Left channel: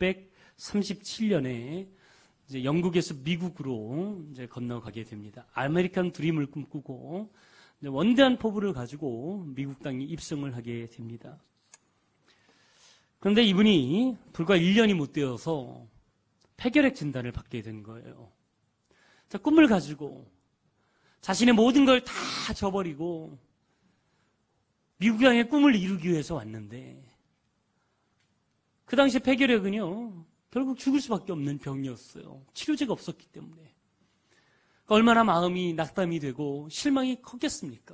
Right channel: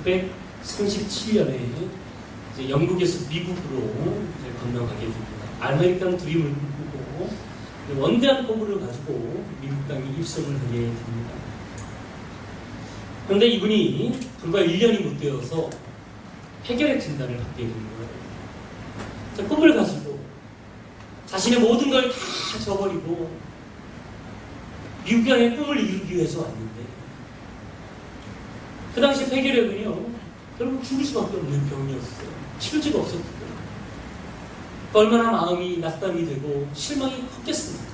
1637년에 영국에서 미국으로 건너가게 됩니다. 아메리칸 드림을 꿈꾸고 원대한 포부를 가지고 미국 땅에 입성을 하게 됩니다. 그런데 이분이 불과 1년이 못 되어서 폐결핵 진단을 받게 되는 거예요. 꿈을 가지고 자신의 모든 걸 다 저버리고 미국 땅의 꿈을 이루기 위해서 왔는데 그 당시 폐결핵은요 결국 죽을 수밖에 없는 병이었어요. 치울 수가 없었기 때문에 얼마나 마음이 낙담이 되고 실망이 컸겠습니까?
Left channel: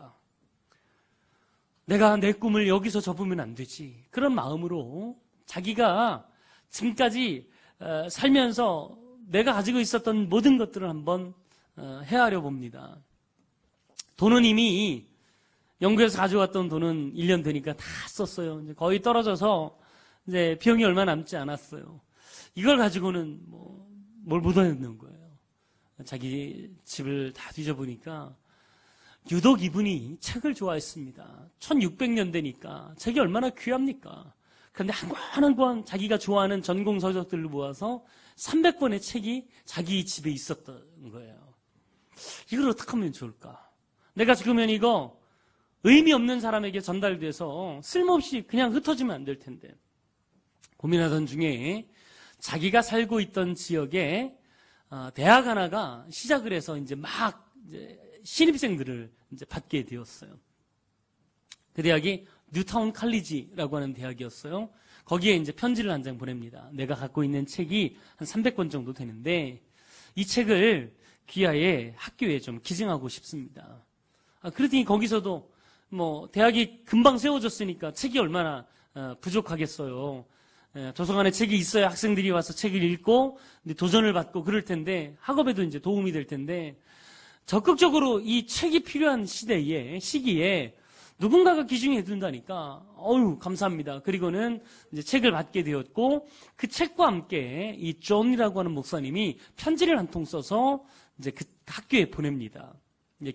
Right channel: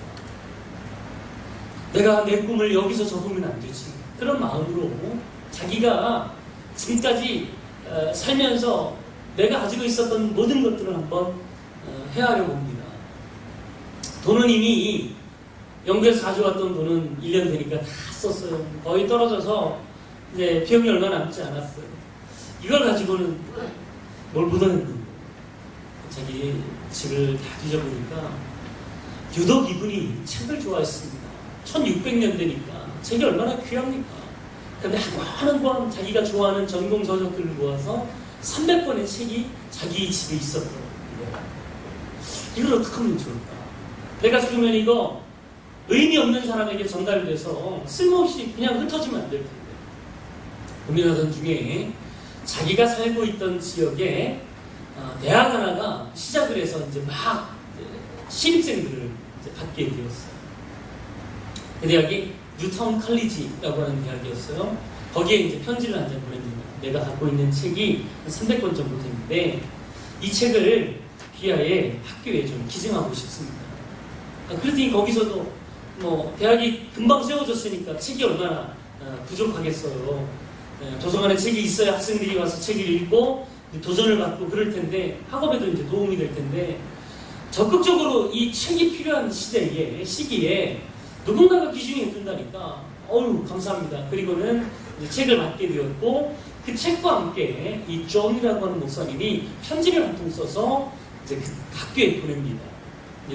내가 내 꿈을 여기서 접으면 안 되지. 그런 마음으로 자기가 지금까지 살면서 내가 가지고 있었던 모든 것들을 한번 헤아려 봅니다. 돈은 이미 영국에서 가져왔던 돈은 1년 되니까 다 썼어요. 거의 떨어져서 이제 비용이 얼마 남지 않았어요. 이걸 가지고는 뭘 묻어냈는 거예요. 자기 집을 다 뒤져보니까 유독 이분이 책을 좋아했습니다. 1600년대니까 책이 얼마나 귀합니까? 그런데 하나도 자기가 좋아하는 전공 서적들을 모아서 300권의 책이 자기 집에 있었더라고요. 이걸 어떻게 하면 좋을까? 내가 죽으면 이거 의미 없는 사람에게 전달돼서 쓸모없이 그냥 흩어지면 안 될 텐데. 고민하던 중에 자기가 살고 있던 지역에 대학 하나가 시작을 해서 이제 막 신입생들을 받게 되었어요. 그 대학이 뉴타운 칼리지라고 하는 대학이었어요. 거기에 이제 편지를 한 장 보냅니다. 내가 갖고 있는 책이 한 300권 정도 되는데 이 책을 귀하의 학교에 좀 기증하고 싶습니다. 그러니 거기서도 뭐 대학이 금방 세워졌으니까 책이 얼마나 부족하겠어요. 도서관에 책이 있어야 학생들이 와서 책을 읽고 도전을 받고 그럴 텐데 학업에도 이제 도움이 될 텐데 적극적으로 이 책이 필요한 시기에 누군가가 기준이 된다니까 어휴 감사합니다. 그리고는 책을 받게 되었고 그 책과 함께 이 존이라고 하는 목사님이 편지를 한 통 써서 이제 그 학교에 보냅니다.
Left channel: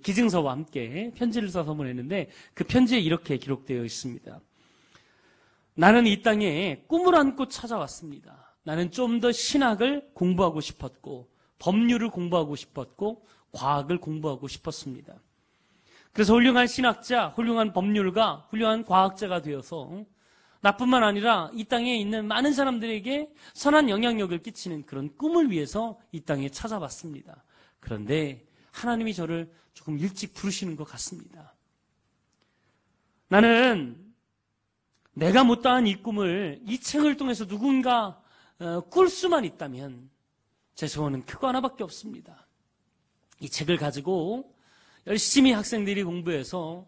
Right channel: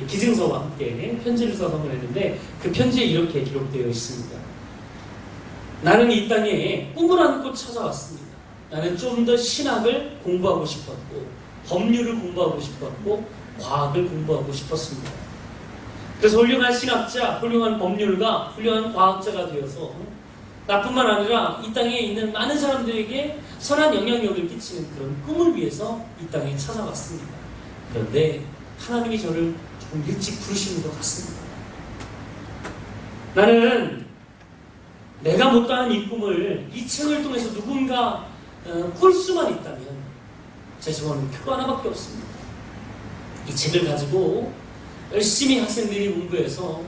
기증서와 함께 편지를 써서 보냈는데 그 편지에 이렇게 기록되어 있습니다. 나는 이 땅에 꿈을 안고 찾아왔습니다. 나는 좀 더 신학을 공부하고 싶었고 법률을 공부하고 싶었고 과학을 공부하고 싶었습니다. 그래서 훌륭한 신학자, 훌륭한 법률가, 훌륭한 과학자가 되어서 나뿐만 아니라 이 땅에 있는 많은 사람들에게 선한 영향력을 끼치는 그런 꿈을 위해서 이 땅에 찾아왔습니다. 그런데 하나님이 저를 좀 일찍 부르시는 것 같습니다. 나는 내가 못다한 이 꿈을 이 책을 통해서 누군가 꿀 수만 있다면 제 소원은 표 하나밖에 없습니다. 이 책을 가지고 열심히 학생들이 공부해서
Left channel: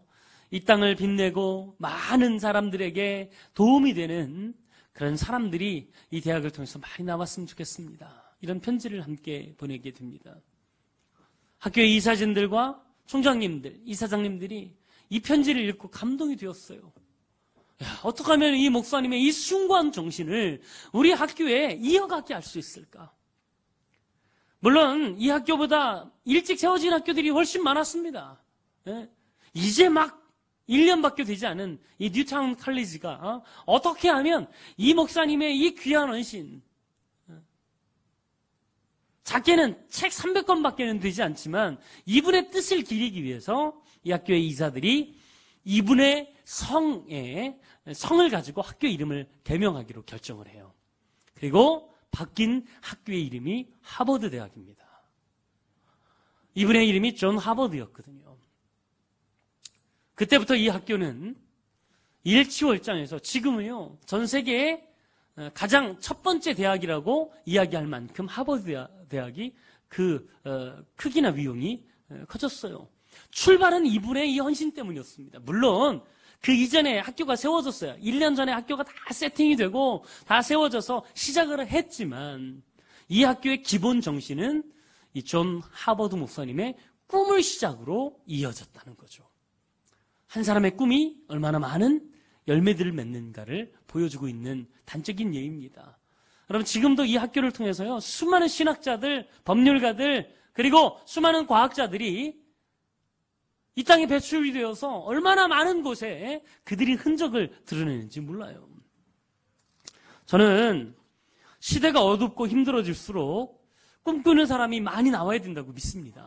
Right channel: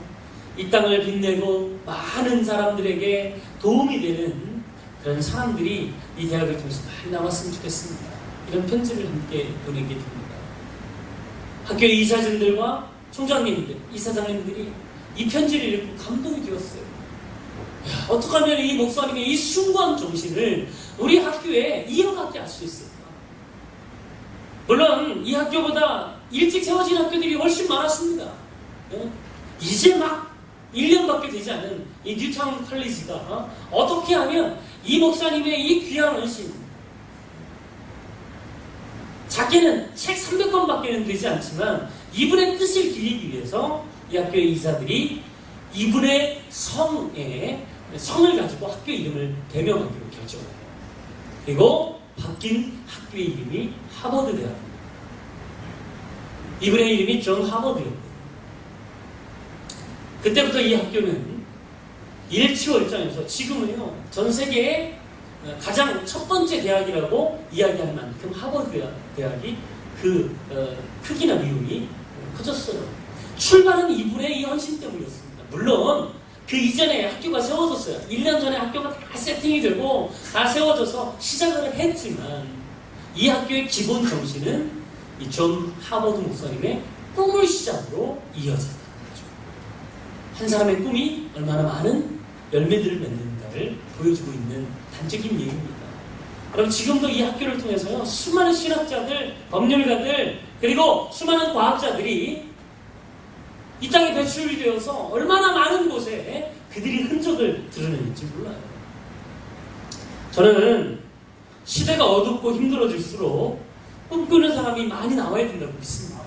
이 땅을 빛내고 많은 사람들에게 도움이 되는 그런 사람들이 이 대학을 통해서 많이 나왔으면 좋겠습니다. 이런 편지를 함께 보내게 됩니다. 학교의 이사진들과 총장님들, 이사장님들이 이 편지를 읽고 감동이 되었어요. 어떻게 하면 이 목사님의 이 숭고한 정신을 우리 학교에 이어가게 할 수 있을까? 물론 이 학교보다 일찍 세워진 학교들이 훨씬 많았습니다. 이제 막 1년밖에 되지 않은 이 뉴타운 칼리지가 어떻게 하면 이 목사님의 이 귀한 헌신, 작게는 책 300권밖에는 되지 않지만 이분의 뜻을 기리기 위해서 이 학교의 이사들이 이분의 성을 가지고 학교 이름을 개명하기로 결정해요. 그리고 바뀐 학교의 이름이 하버드 대학입니다. 이분의 이름이 존 하버드였거든요. 그때부터 이 학교는 일치로 입장에서 지금은요 전 세계의 가장 첫 번째 대학이라고 이야기할 만큼 하버드 대학이 그 크기나 미움이 커졌어요. 출발은 이분의 이 헌신 때문이었습니다. 물론 그 이전에 학교가 세워졌어요. 1년 전에 학교가 다 세팅이 되고 다 세워져서 시작을 했지만 이 학교의 기본 정신은 이 존 하버드 목사님의 꿈을 시작으로 이어졌다. 한 사람의 꿈이 얼마나 많은 열매들을 맺는가를 보여주고 있는 단적인 예입니다. 그럼 지금도 이 학교를 통해서 수많은 신학자들, 법률가들, 그리고 수많은 과학자들이 이 땅에 배출되어서 얼마나 많은 곳에 그들이 흔적을 드러내는지 몰라요. 저는 시대가 어둡고 힘들어질수록 꿈꾸는 사람이 많이 나와야 된다고 믿습니다.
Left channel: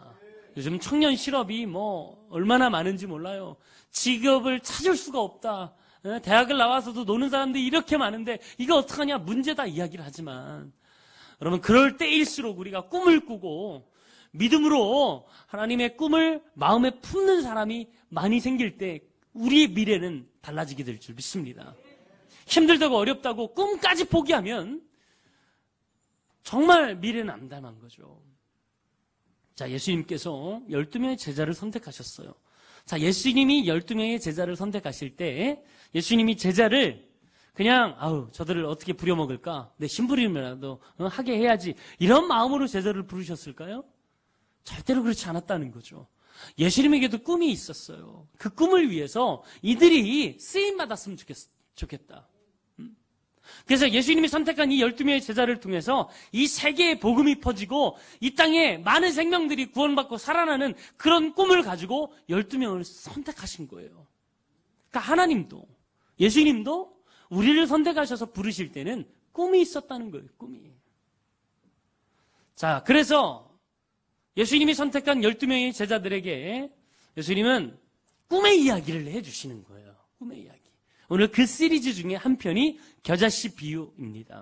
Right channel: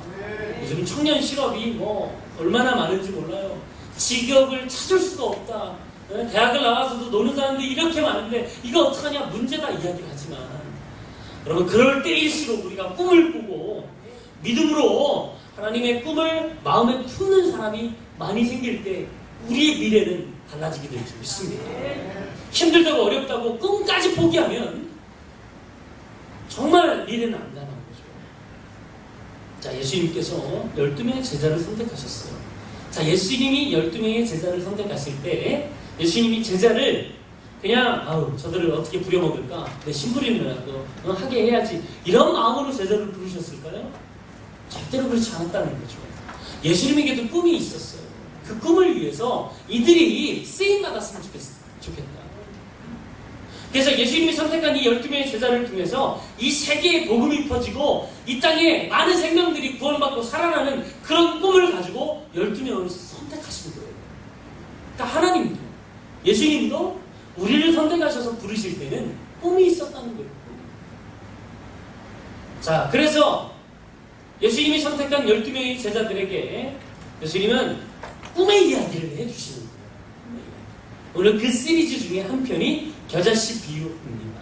요즘 청년 실업이 뭐 얼마나 많을지 몰라요. 직업을 찾을 수가 없다. 대학을 나와서도 노는 사람들이 이렇게 많은데 이거 어떡하냐 문제다 이야기를 하지만 여러분 그럴 때일수록 우리가 꿈을 꾸고 믿음으로 하나님의 꿈을 마음에 품는 사람이 많이 생길 때 우리의 미래는 달라지게 될 수 있습니다. 힘들다고 어렵다고 꿈까지 포기하면 정말 미래는 안 나가는 거죠. 자, 예수님께서 12명의 제자를 선택하셨어요. 자, 예수님이 12명의 제자를 선택하실 때 예수님이 제자를 그냥 저들을 어떻게 부려먹을까? 내 신부리면라도 하게 해야지 이런 마음으로 제자를 부르셨을까요? 절대로 그렇지 않았다는 거죠. 예수님에게도 꿈이 있었어요. 그 꿈을 위해서 이들이 쓰임받았으면 좋겠다. 그래서 예수님이 선택한 이 12명의 제자를 통해서 이 세계에 복음이 퍼지고 이 땅에 많은 생명들이 구원받고 살아나는 그런 꿈을 가지고 12명을 선택하시는 거예요. 그러니까 하나님도 예수님도 우리를 선택하셔서 부르실 때는 꿈이 있었다는 거예요. 자, 그래서 예수님이 선택한 12명의 제자들에게 예수님은 꿈의 이야기를 해주시는 거예요. 오늘 그 시리즈 중에 한 편이 겨자씨 비유입니다.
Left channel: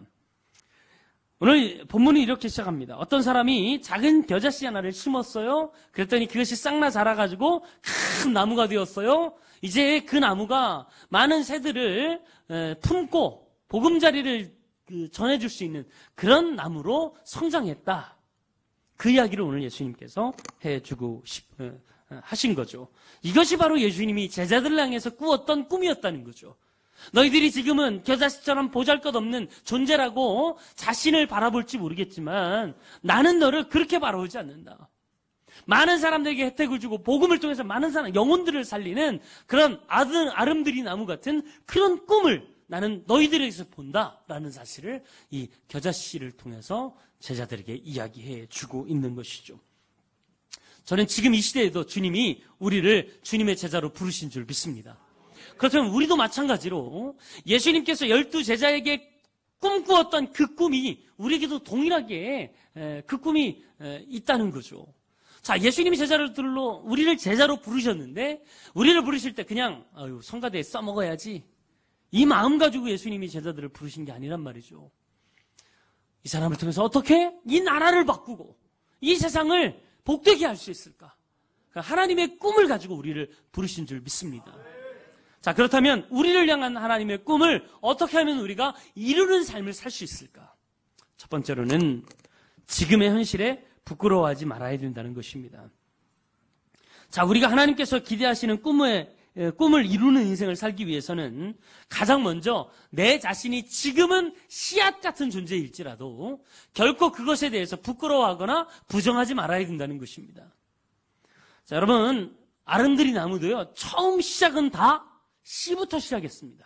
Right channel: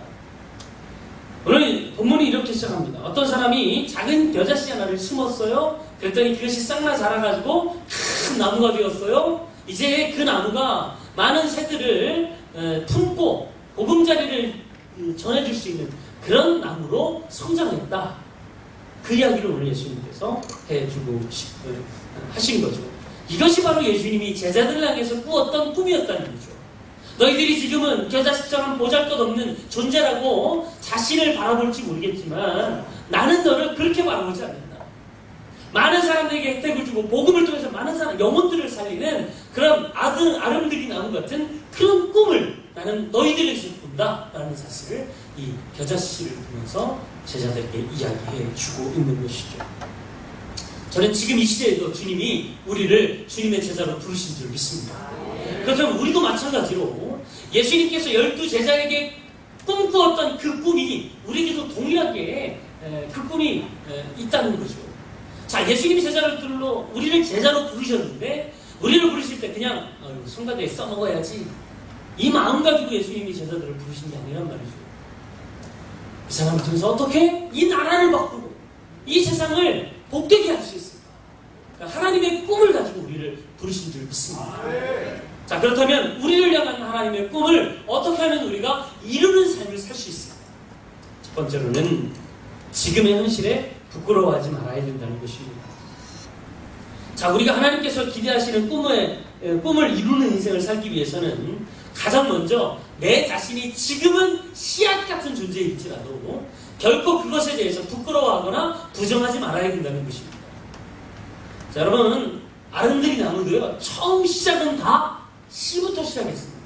오늘 본문이 이렇게 시작합니다. 어떤 사람이 작은 겨자씨 하나를 심었어요. 그랬더니 그것이 싹나 자라가지고 큰 나무가 되었어요. 이제 그 나무가 많은 새들을 품고 보금자리를 전해줄 수 있는 그런 나무로 성장했다. 그 이야기를 오늘 예수님께서 해주고 하신 거죠. 이것이 바로 예수님이 제자들 향해서 꾸었던 꿈이었다는 거죠. 너희들이 지금은 겨자씨처럼 보잘것없는 존재라고 자신을 바라볼지 모르겠지만 나는 너를 그렇게 바라보지 않는다. 많은 사람들에게 혜택을 주고 복음을 통해서 많은 사람 영혼들을 살리는 그런 아름드린 나무 같은 그런 꿈을 나는 너희들에게서 꾼다 라는 사실을 이 겨자씨를 통해서 제자들에게 이야기해 주고 있는 것이죠. 저는 지금 이 시대에도 주님이 우리를 주님의 제자로 부르신 줄 믿습니다. 그렇다면 우리도 마찬가지로 예수님께서 12제자에게 꿈꾸었던 그 꿈이 우리에게도 동일하게 그 꿈이 있다는 거죠. 자, 예수님 제자를 불러 우리를 제자로 부르셨는데 우리를 부르실 때 그냥 성가대에 써먹어야지 이 마음 가지고 예수님이 제자들을 부르신 게 아니란 말이죠. 이 사람을 통해서 어떻게 이 나라를 바꾸고 이 세상을 복되게 할 수 있을까? 그러니까 하나님의 꿈을 가지고 우리를 부르신 줄 믿습니다. 자, 그렇다면 우리를 향한 하나님의 꿈을 어떻게 하면 우리가 이루는 삶을 살 수 있을까? 첫 번째로는 지금의 현실에 부끄러워하지 말아야 된다는 것입니다. 자, 우리가 하나님께서 기대하시는 꿈을 이루는 인생을 살기 위해서는 가장 먼저 내 자신이 지금은 씨앗 같은 존재일지라도 결코 그것에 대해서 부끄러워하거나 부정하지 말아야 된다는 것입니다. 자, 여러분 아름드린 나무도요 처음 시작은 다 씨부터 시작했습니다.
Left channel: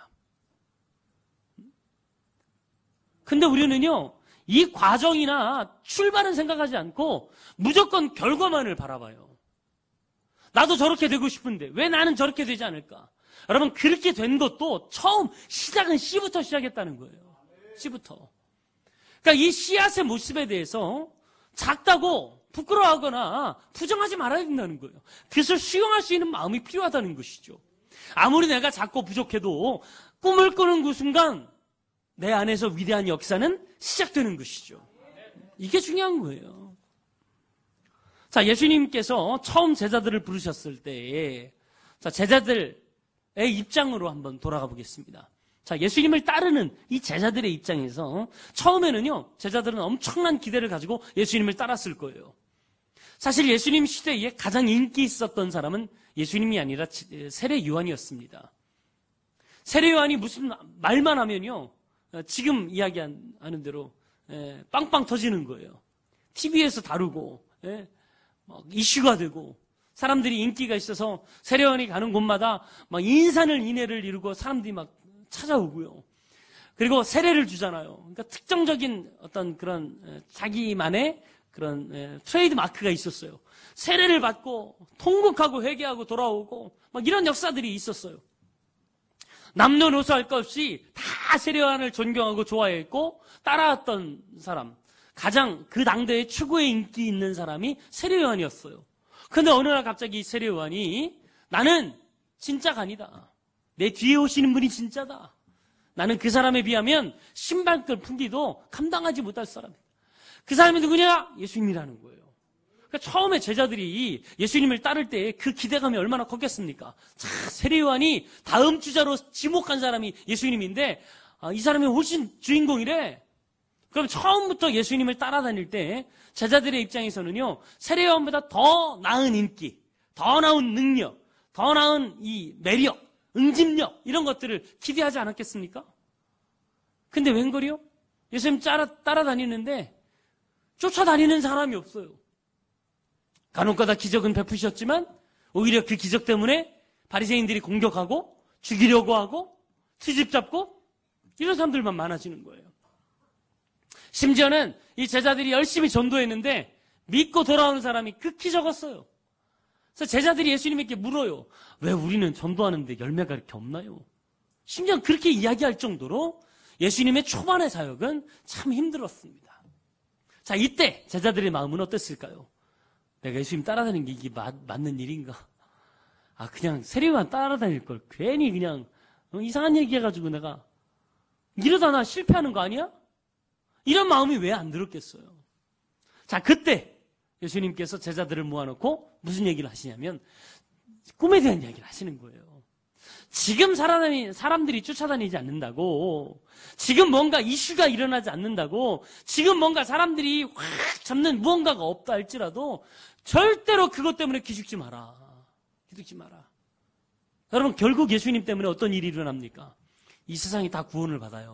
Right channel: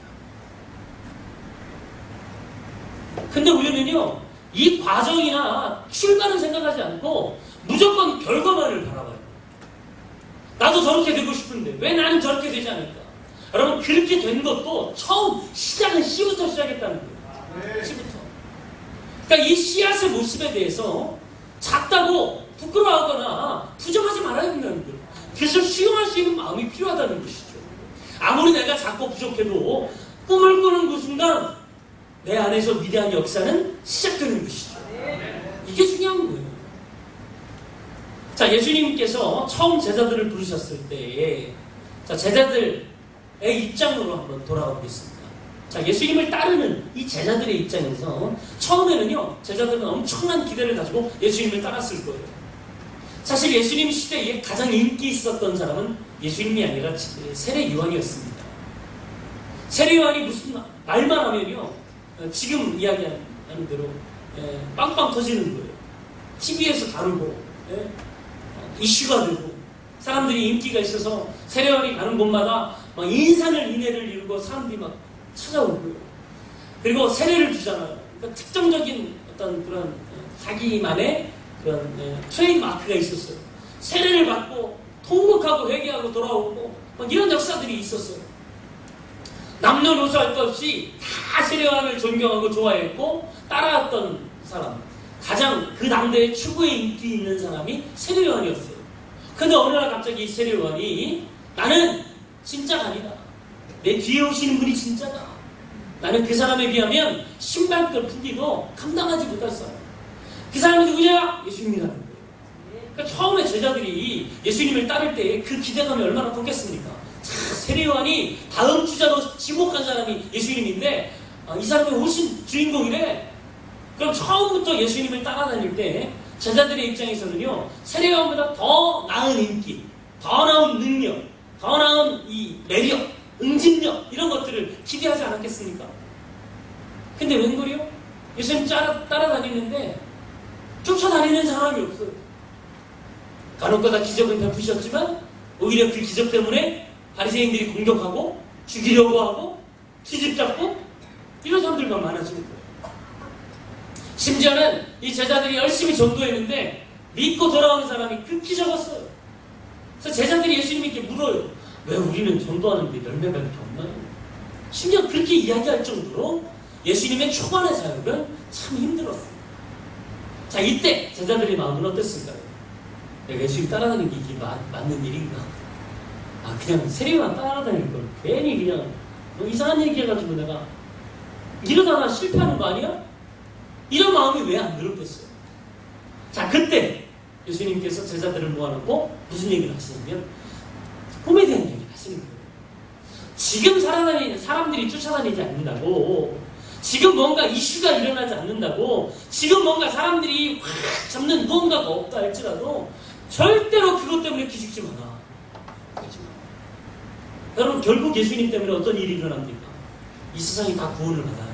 근데 우리는요 이 과정이나 출발은 생각하지 않고 무조건 결과만을 바라봐요. 나도 저렇게 되고 싶은데 왜 나는 저렇게 되지 않을까? 여러분 그렇게 된 것도 처음 시작은 씨부터 시작했다는 거예요. 씨부터. 그러니까 이 씨앗의 모습에 대해서 작다고 부끄러워하거나 부정하지 말아야 된다는 거예요. 그래서 수용할 수 있는 마음이 필요하다는 것이죠. 아무리 내가 작고 부족해도 꿈을 꾸는 그 순간 내 안에서 위대한 역사는 시작되는 것이죠. 이게 중요한 거예요. 자, 예수님께서 처음 제자들을 부르셨을 때에 자, 제자들의 입장으로 한번 돌아가 보겠습니다. 자, 예수님을 따르는 이 제자들의 입장에서 처음에는요 제자들은 엄청난 기대를 가지고 예수님을 따랐을 거예요. 사실 예수님 시대에 가장 인기 있었던 사람은 예수님이 아니라 세례 요한이었습니다. 세례 요한이 무슨 말만 하면요 지금 이야기하는 대로 빵빵 터지는 거예요. TV에서 다루고 이슈가 되고 사람들이 인기가 있어서 세례 요한이 가는 곳마다 막 인산을 인해를 이루고 사람들이 막 찾아오고요. 그리고 세례를 주잖아요. 그러니까 특정적인 어떤 그런 자기만의 그런 트레이드 마크가 있었어요. 세례를 받고 통곡하고 회개하고 돌아오고 막 이런 역사들이 있었어요. 남녀노소 할 것 없이 다 세례 요한을 존경하고 좋아했고 따라왔던 가운데 최고의 인기 있는 사람이 세례요한이었어요. 근데 어느 날 갑자기 세례요한이 나는 진짜가 아니다. 내 뒤에 오시는 분이 진짜다. 나는 그 사람에 비하면 신발끈 풀기도 감당하지 못했어요. 그 사람이 누구냐? 예수님이라는 거예요. 그러니까 처음에 제자들이 예수님을 따를 때 그 기대감이 얼마나 컸겠습니까? 세례요한이 다음 주자로 지목한 사람이 예수님인데 이 사람이 훨씬 주인공이래. 그럼 처음부터 예수님을 따라다닐 때 제자들의 입장에서는요, 세례요한보다 더 나은 인기, 더 나은 능력, 더 나은 이 매력, 응집력 이런 것들을 기대하지 않았겠습니까? 근데 웬걸요? 예수님 따라다니는데 쫓아다니는 사람이 없어요. 간혹가다 기적은 베푸셨지만 오히려 그 기적 때문에 바리새인들이 공격하고 죽이려고 하고 트집잡고 이런 사람들만 많아지는 거예요. 심지어는 이 제자들이 열심히 전도했는데 믿고 돌아온 사람이 극히 적었어요. 그래서 제자들이 예수님에게 물어요. 왜 우리는 전도하는데 열매가 이렇게 없나요? 심지어 그렇게 이야기할 정도로 예수님의 초반의 사역은 참 힘들었어요. 자, 이때 제자들의 마음은 어땠을까요? 내가 예수님 따라다니는 게 맞는 일인가? 그냥 세례만 따라다니는 걸 괜히 그냥 이상한 얘기 해가지고 내가 이러다가 실패하는 거 아니야? 이런 마음이 왜 안 들었겠어요? 자, 그때 예수님께서 제자들을 모아놓고 무슨 얘기를 하시냐면 꿈에 대한 얘기를 하시는 거예요. 지금 사람들이 쫓아다니지 않는다고, 지금 뭔가 이슈가 일어나지 않는다고, 지금 뭔가 사람들이 확 잡는 무언가가 없다 할지라도 절대로 그것 때문에 기죽지 마라. 여러분, 결국 예수님 때문에 어떤 일이 일어납니까? 이 세상이 다 구원을 받아요.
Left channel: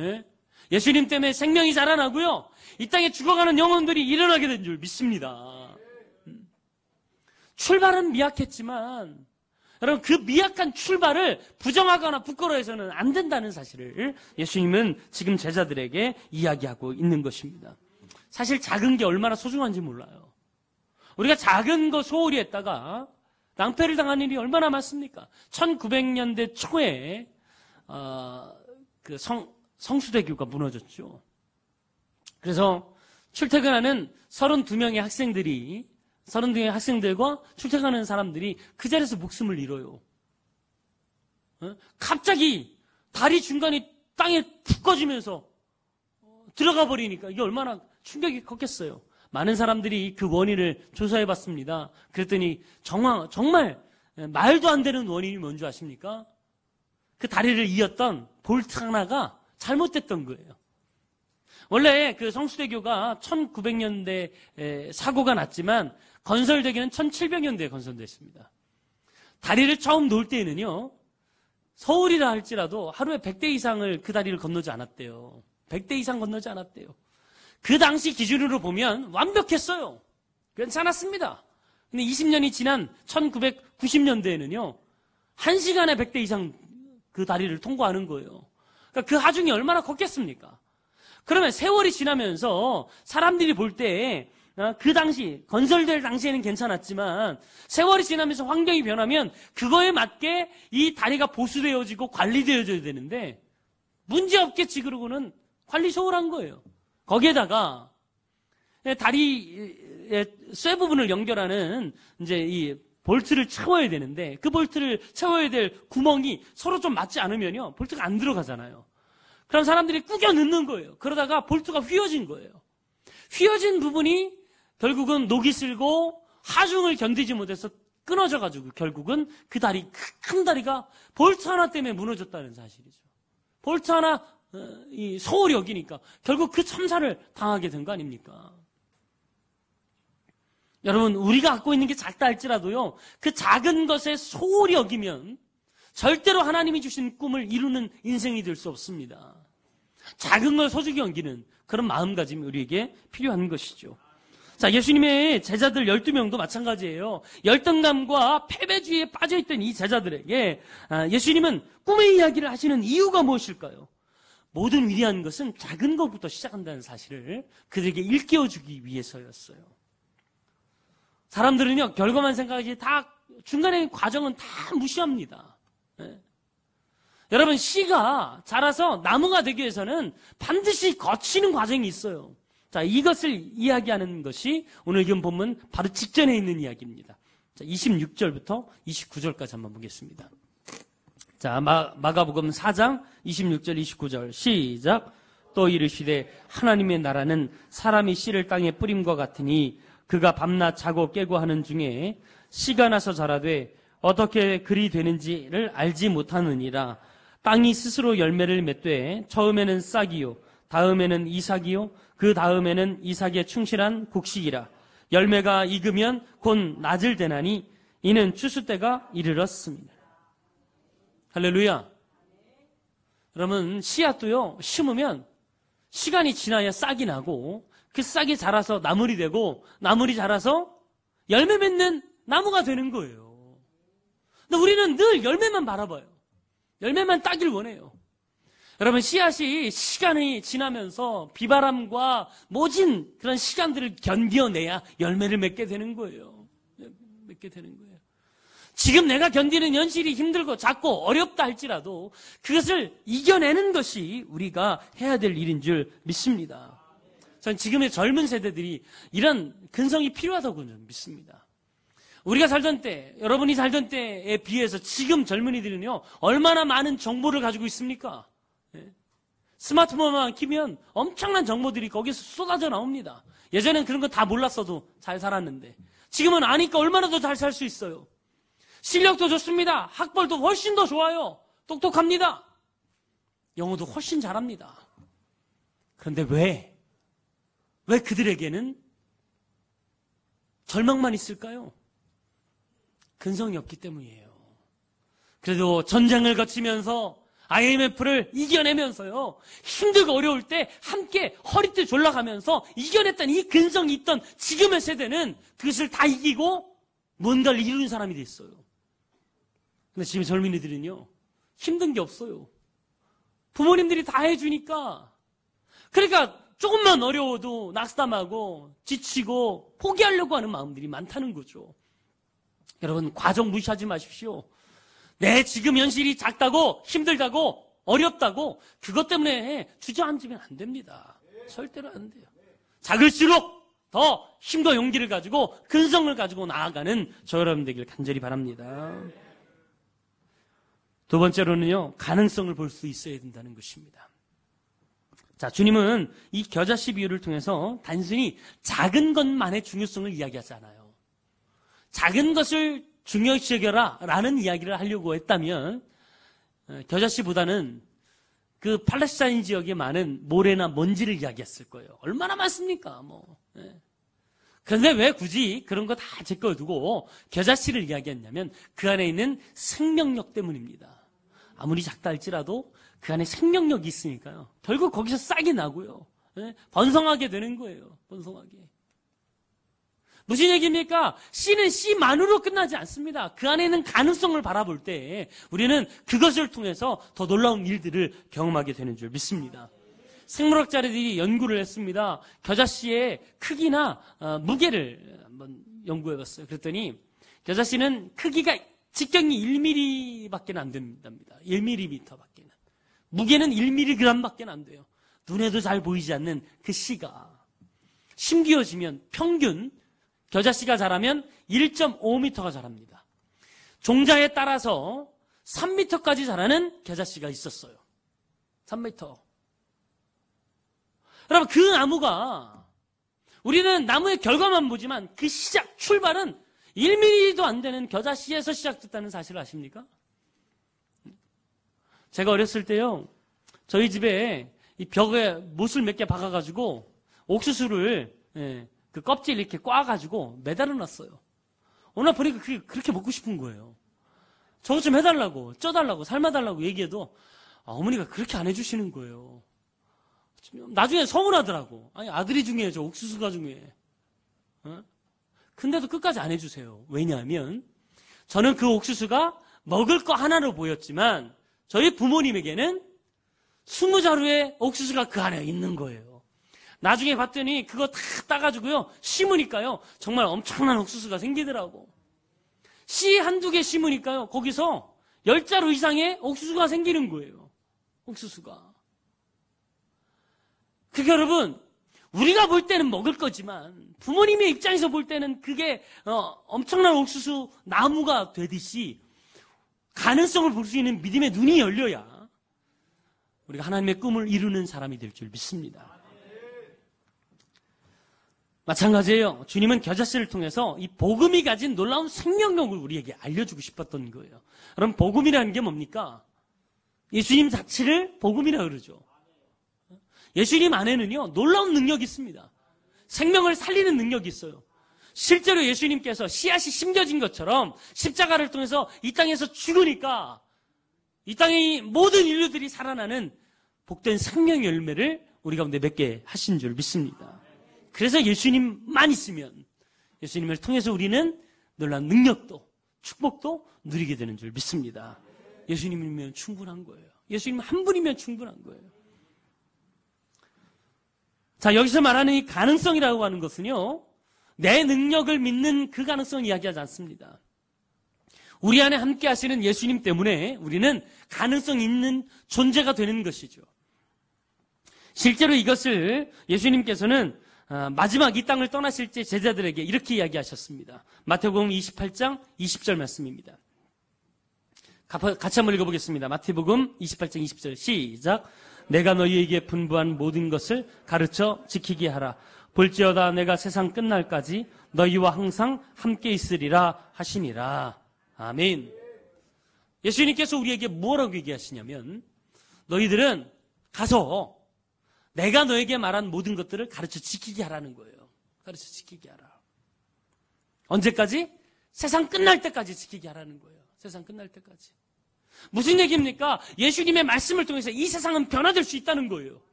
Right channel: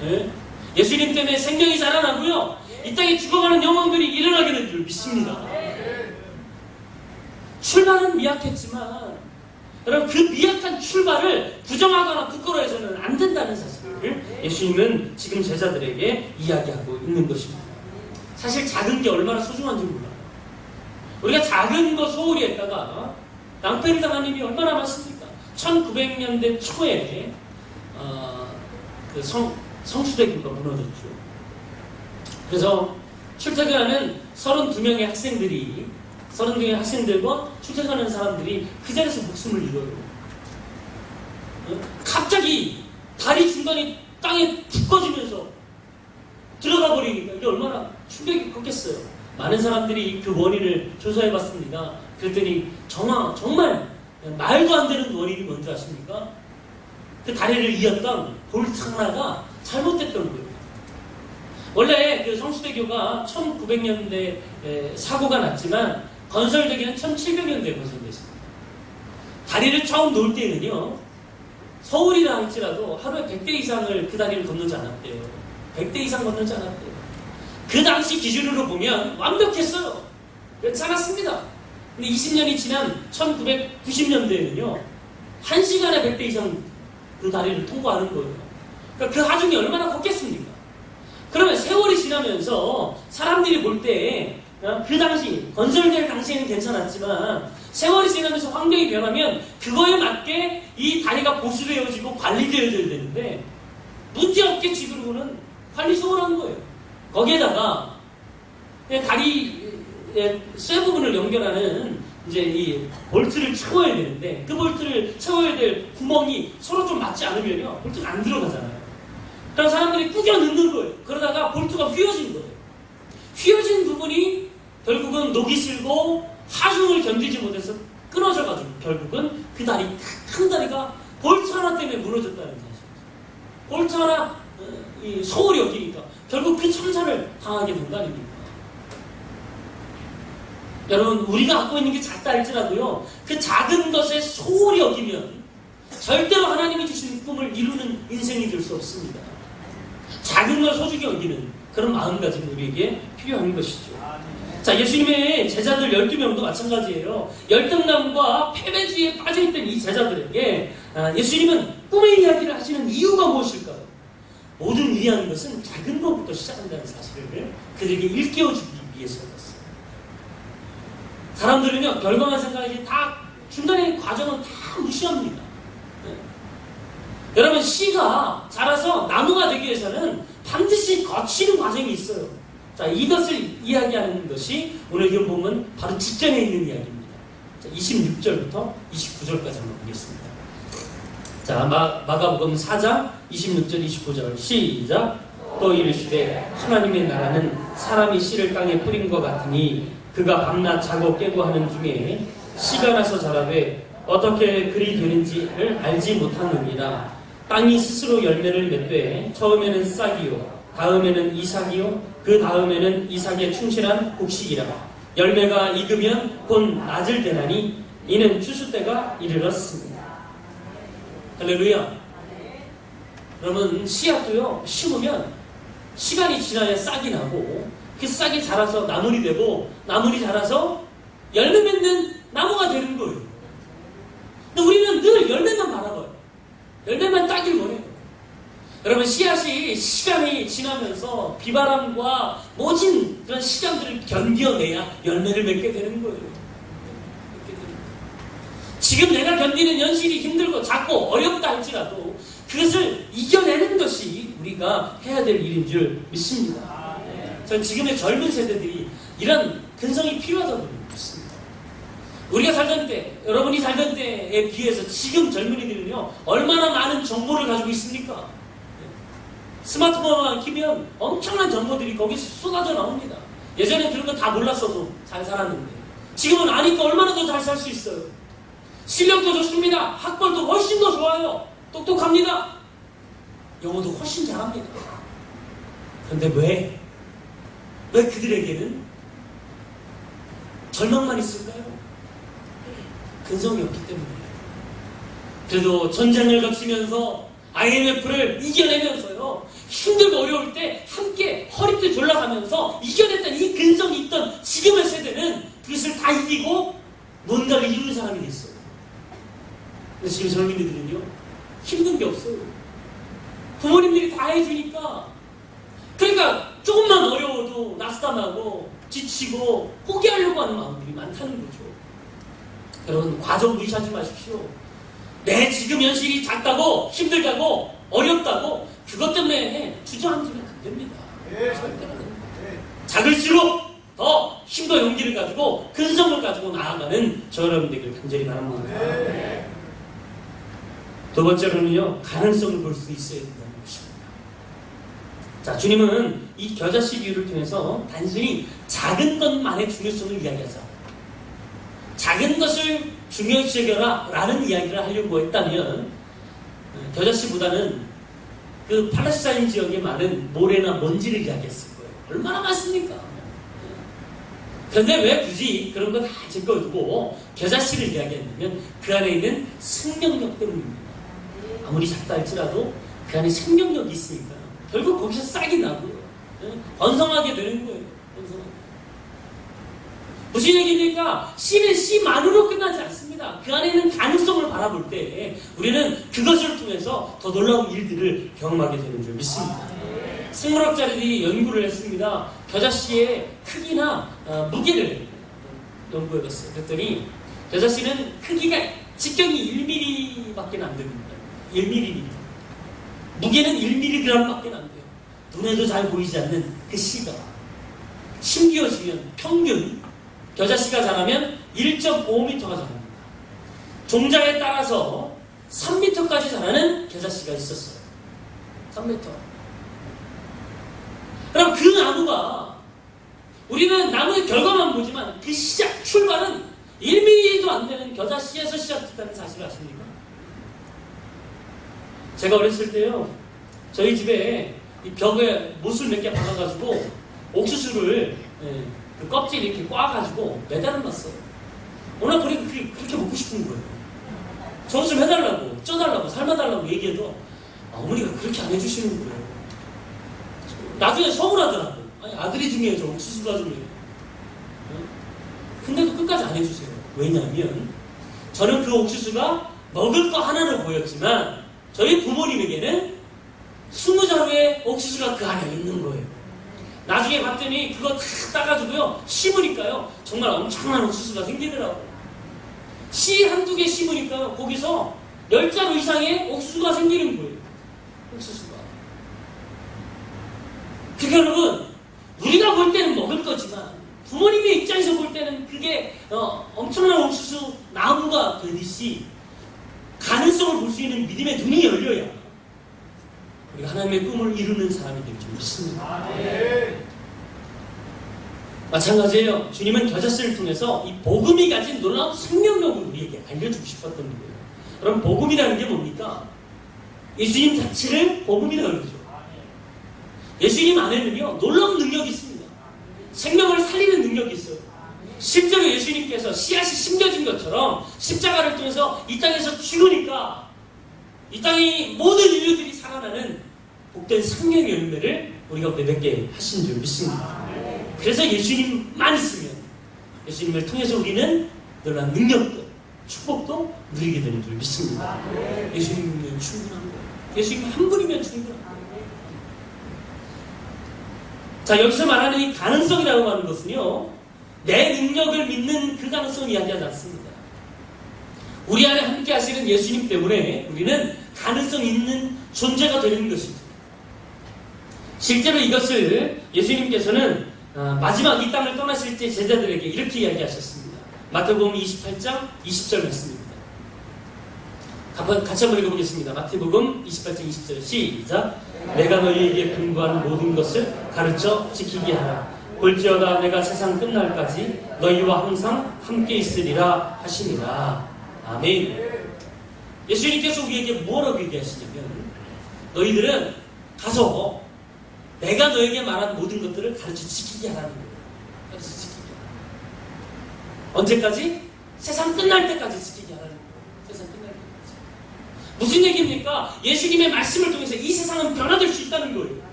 네? 예수님 때문에 생명이 자라나고요, 이 땅에 죽어가는 영혼들이 일어나기를 믿습니다. 출발은 미약했지만 여러분, 그 미약한 출발을 부정하거나 부끄러워해서는 안 된다는 사실을 예수님은 지금 제자들에게 이야기하고 있는 것입니다. 사실 작은 게 얼마나 소중한지 몰라요. 우리가 작은 거 소홀히 했다가 낭패를 당한 일이 얼마나 많습니까? 1900년대 초에 그 성수대교가 무너졌죠. 그래서 출퇴근하는 32명의 학생들이 32명의 학생들과 출퇴근하는 사람들이 그 자리에서 목숨을 잃어요. 갑자기 다리 중간이 땅에 푹 꺼지면서 들어가 버리니까 이게 얼마나 충격이 컸겠어요. 많은 사람들이 그 원인을 조사해봤습니다. 그랬더니 정말 말도 안 되는 원인이 뭔지 아십니까? 그 다리를 이었던 볼트 하나가 잘못됐던 거예요. 원래 그 성수대교가 1900년대 사고가 났지만 건설되기는 1700년대에 건설됐습니다. 다리를 처음 놓을 때는요, 서울이나 할지라도 하루에 100대 이상을 그 다리를 건너지 않았대요. 100대 이상 건너지 않았대요. 그 당시 기준으로 보면 완벽했어요. 괜찮았습니다. 근데 20년이 지난 1990년대에는요, 1시간에 100대 이상 그 다리를 통과하는 거예요. 그러니까 그 하중이 얼마나 컸겠습니까? 그러면 세월이 지나면서 사람들이 볼 때 그 당시 건설될 당시에는 괜찮았지만 세월이 지나면서 환경이 변하면 그거에 맞게 이 다리가 보수되어지고 관리되어져야 되는데 문제없게 지금은 관리 소홀한 거예요. 거기에다가 다리 쇠 부분을 연결하는 이제 이 볼트를 채워야 되는데 그 볼트를 채워야 될 구멍이 서로 좀 맞지 않으면요, 볼트가 안 들어가잖아요. 그럼 사람들이 꾸겨 넣는 거예요. 그러다가 볼트가 휘어진 거예요. 휘어진 부분이 결국은 녹이 슬고 하중을 견디지 못해서 끊어져가지고 결국은 그 다리, 큰 다리가 볼트 하나 때문에 무너졌다는 사실. 볼트 하나 소홀히 여기니까 결국 그 참사를 당하게 된 거 아닙니까? 여러분, 우리가 갖고 있는 게 작다 할지라도요, 그 작은 것에 소홀히 여기면 절대로 하나님이 주신 꿈을 이루는 인생이 될 수 없습니다. 작은 걸 소중히 여기는 그런 마음가짐이 우리에게 필요한 것이죠. 자, 예수님의 제자들 12명도 마찬가지예요. 열등감과 패배주의에 빠져있던 이 제자들에게 예수님은 꿈의 이야기를 하시는 이유가 무엇일까요? 모든 위하는 것은 작은 것부터 시작한다는 사실을 그들에게 일깨워주기 위해서였어요. 사람들은요, 별거만 생각하지 다 중간에 과정은 다 무시합니다. 여러분, 씨가 자라서 나무가 되기 위해서는 반드시 거치는 과정이 있어요. 자, 이것을 이야기하는 것이 오늘 좀 보면 바로 직전에 있는 이야기입니다. 26절부터 29절까지 한번 보겠습니다. 자, 마가복음 4장 26절 29절 시작. 또 이르시되 하나님의 나라는 사람이 씨를 땅에 뿌린 것 같으니 그가 밤낮 자고 깨고 하는 중에 씨가 나서 자라되 어떻게 그리 되는지를 알지 못하느니라. 땅이 스스로 열매를 맺되 처음에는 싹이요 다음에는 이삭이요 그 다음에는 이삭에 충실한 곡식이라. 열매가 익으면 곧 낮을 되나니 이는 추수 때가 이르렀습니다. 할렐루야. 그러면 씨앗도요 심으면 시간이 지나야 싹이 나고 그 싹이 자라서 나물이 되고 나물이 자라서 열매 맺는 나무가 되는 거예요. 근데 우리는 늘 열매만 바라봐요. 열매만 따길 원해요. 여러분, 씨앗이 시간이 지나면서 비바람과 모진 그런 시간들을 견뎌내야 열매를 맺게 되는 거예요. 지금 내가 견디는 현실이 힘들고 작고 어렵다 할지라도 그것을 이겨내는 것이 우리가 해야 될 일인 줄 믿습니다. 저는 지금의 젊은 세대들이 이런 근성이 필요하다고 믿습니다. 우리가 살던 때, 여러분이 살던 때에 비해서 지금 젊은이들은요 얼마나 많은 정보를 가지고 있습니까? 스마트폰만 키면 엄청난 정보들이 거기서 쏟아져 나옵니다. 예전에 그런 거 다 몰랐어도 잘 살았는데 지금은 아니까 얼마나 더 잘 살 수 있어요. 실력도 좋습니다. 학벌도 훨씬 더 좋아요. 똑똑합니다. 영어도 훨씬 잘합니다. 그런데 왜 그들에게는 절망만 있을까요? 근성이 없기 때문이에요. 그래도 전쟁을 거치면서 IMF를 이겨내면서요 힘들고 어려울 때 함께 허리띠 돌아가면서 이겨냈던 이 근성이 있던 지금의 세대는 그것을 다 이기고 뭔가를 이루는 사람들이 있어요. 근데 지금 젊은이들은요 힘든 게 없어요. 부모님들이 다 해주니까. 그러니까 조금만 어려워도 낙담하고 지치고 포기하려고 하는 마음들이 많다는 거죠. 여러분, 과정 무시하지 마십시오. 내 지금 현실이 작다고 힘들다고 어렵다고 그것 때문에 주저앉으면 안 됩니다. 작을수록 더 힘과 용기를 가지고 근성을 가지고 나아가는 저와 여러분들에게 간절히 바랍니다. 두 번째로는요, 가능성을 볼 수 있어야 된다는 것입니다. 자, 주님은 이 겨자씨 비유를 통해서 단순히 작은 것만의 중요성을 이야기하지 않아요. 작은 것을 중요시 여겨라 라는 이야기를 하려고 했다면 겨자씨보다는 그 팔레스타인 지역에 많은 모래나 먼지를 이야기했을 거예요. 얼마나 많습니까? 그런데 왜 굳이 그런 거 다 제껴두고 겨자씨를 이야기했냐면 그 안에 있는 생명력 때문입니다. 아무리 작다 할지라도 그 안에 생명력이 있으니까 결국 거기서 싹이 나고요. 번성하게 되는 거예요. 무슨 얘기입니까? 씨는 씨만으로 끝나지 않습니다. 그 안에 있는 가능성을 바라볼 때 우리는 그것을 통해서 더 놀라운 일들을 경험하게 되는 줄 믿습니다. 생물학자들이 연구를 했습니다. 겨자씨의 크기나 무게를 연구했어요. 그랬더니 겨자씨는 크기가 직경이 1mm밖에 안 됩니다. 1mm. 무게는 1mg밖에 안 돼요. 눈에도 잘 보이지 않는 그 씨가 심기어지면 평균 겨자씨가 자라면 1.5m가 자랍니다. 종자에 따라서 3m까지 자라는 겨자씨가 있었어요. 3m. 그럼 그 나무가 우리는 나무의 결과만 보지만 그 시작, 출발은 1mm도 안 되는 겨자씨에서 시작했다는 사실 아십니까? 제가 어렸을 때요, 저희 집에 이 벽에 못을 몇 개 박아가지고 옥수수를 그 껍질 이렇게 꽈가지고 매달아 놨어요. 워낙 그렇게 먹고 싶은 거예요. 저거 좀 해달라고, 쪄달라고, 삶아달라고 얘기해도 어머니가 그렇게 안 해주시는 거예요. 나중에 서운하더라고요. 아니, 아들이 중에 저 옥수수 가지고. 근데 끝까지 안 해주세요. 왜냐하면 저는 그 옥수수가 먹을 거 하나로 보였지만 저희 부모님에게는 20자루의 옥수수가 그 안에 있는 거예요. 나중에 봤더니 그거 다 따가지고요 심으니까요 정말 엄청난 옥수수가 생기더라고요. 씨 한두 개 심으니까요 거기서 10자루 이상의 옥수수가 생기는 거예요. 옥수수가. 그러니까 여러분, 우리가 볼 마찬가지예요. 주님은 겨자씨를 통해서 이 복음이 가진 놀라운 생명력을 우리에게 알려주고 싶었던 거예요. 그럼 복음이라는 게 뭡니까? 예수님 자체를 복음이라고 그러죠. 예수님 안에는요 놀라운 능력이 있습니다. 생명을 살리는 능력이 있어요. 실제로 예수님께서 씨앗이 심겨진 것처럼 십자가를 통해서 이 땅에서 죽으니까 이 땅의 모든 인류들이 살아나는 복된 생명의 열매를 우리 가운데 맺게 하신 줄 믿습니다. 그래서 예수님만 있으면 예수님을 통해서 우리는 놀라운 능력도 축복도 누리게 되는 줄 믿습니다. 예수님이면 충분한 거예요. 예수님 한 분이면 충분한 거예요. 자, 여기서 말하는 이 가능성이라고 하는 것은요 내 능력을 믿는 그 가능성을 이야기하지 않습니다. 우리 안에 함께 하시는 예수님 때문에 우리는 가능성 있는 존재가 되는 것입니다. 실제로 이것을 예수님께서는 마지막 이 땅을 떠나실 때 제자들에게 이렇게 이야기하셨습니다. 마태복음 28장 20절 말씀입니다. 같이 한번 읽어보겠습니다. 마태복음 28장 20절 시작. 내가 너희에게 분부한 모든 것을 가르쳐 지키게 하라. 볼지어다 내가 세상 끝날까지 너희와 항상 함께 있으리라 하시니라. 아멘. 예수님께서 우리에게 뭐라고 얘기하시냐면 너희들은 가서 내가 너에게 말한 모든 것들을 가르쳐 지키게 하라는 거예요. 가르쳐 지키게 하라. 언제까지? 세상 끝날 때까지 지키게 하라는 거예요. 세상 끝날 때까지. 무슨 얘기입니까? 예수님의 말씀을 통해서 이 세상은 변화될 수 있다는 거예요.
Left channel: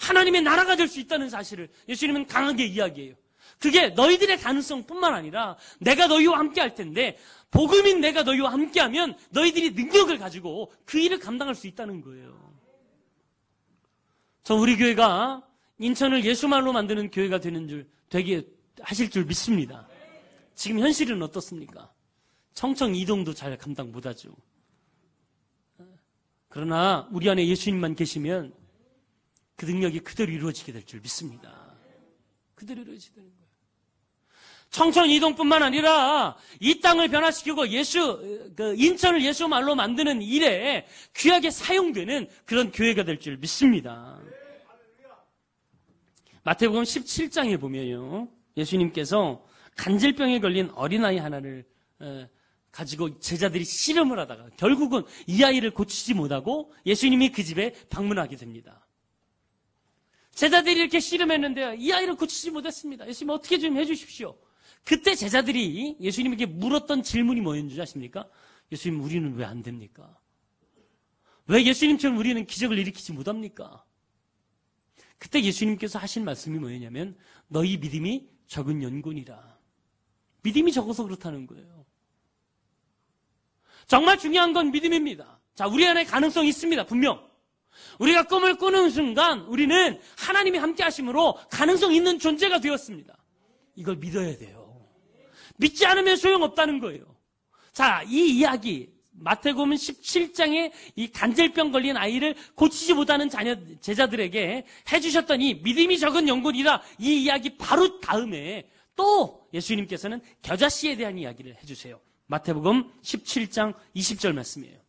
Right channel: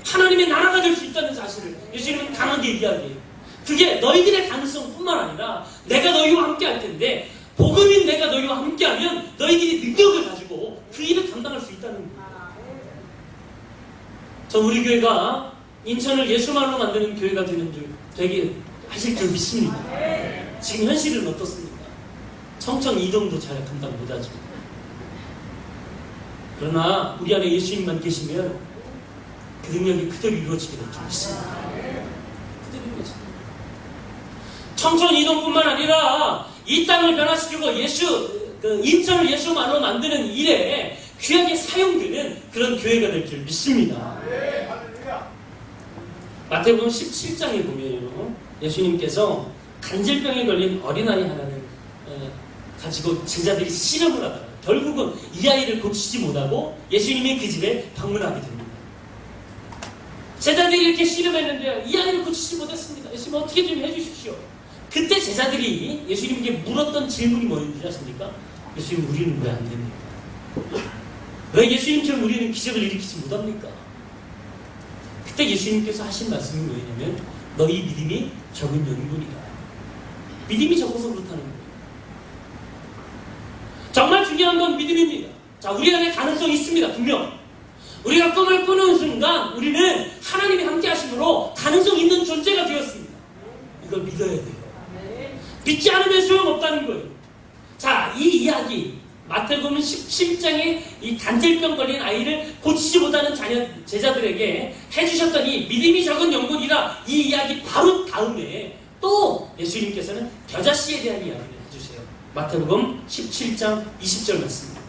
하나님의 나라가 될 수 있다는 사실을 예수님은 강하게 얘기하는 그게 너희들의 가능성뿐만 아니라 내가 너희와 함께 할 텐데 복음이 내가 너희와 함께하면 너희들이 능력을 가지고 그 일을 감당할 수 있다는 거예요. 저 우리 교회가 인천을 예수만으로 만드는 교회가 되는 줄 되게 하실 줄 믿습니다. 지금 현실은 어떻습니까? 청천 이동도 잘 감당 못하죠. 그러나 우리 안에 예수님만 계시면 그 능력이 그대로 이루어지게 될 줄 믿습니다. 청천 이동뿐만 아니라 이 땅을 변화시키고 인천을 예수만으로 만드는 일에 귀하게 사용되는 그런 교회가 될 줄 믿습니다. 마태복음 17장에 보면요 예수님께서 간질병에 걸린 어린아이 하나를 가지고 제자들이 실험을 하다가 결국은 이 아이를 고치지 못하고 예수님이 그 집에 방문하게 됩니다. 제자들이 이렇게 실험했는데 이 아이를 고치지 못했습니다. 예수님 어떻게 좀 해주십시오. 그때 제자들이 예수님께 물었던 질문이 뭐였는지 아십니까? 예수님 우리는 왜 안 됩니까? 왜 예수님처럼 우리는 기적을 일으키지 못합니까? 그때 예수님께서 하신 말씀이 뭐냐면 너희 믿음이 적은 명분이다. 믿음이 적어서 그렇다는 거예요. 정말 중요한 건 믿음입니다. 자, 우리 안에 가능성이 있습니다. 분명. 우리가 꿈을 꾸는 순간 우리는 하나님이 함께 하심으로 가능성 있는 존재가 되었습니다. 이걸 믿어야 돼요. 믿지 않으면 소용없다는 거예요. 자, 이 이야기 마태복음 17장에 이 간질병 걸린 아이를 고치지 못하는 제자들에게 해주셨더니 믿음이 적은 영혼이라 이 이야기 바로 다음에 또 예수님께서는 겨자씨에 대한 이야기를 해주세요. 마태복음 17장 20절 말씀입니다.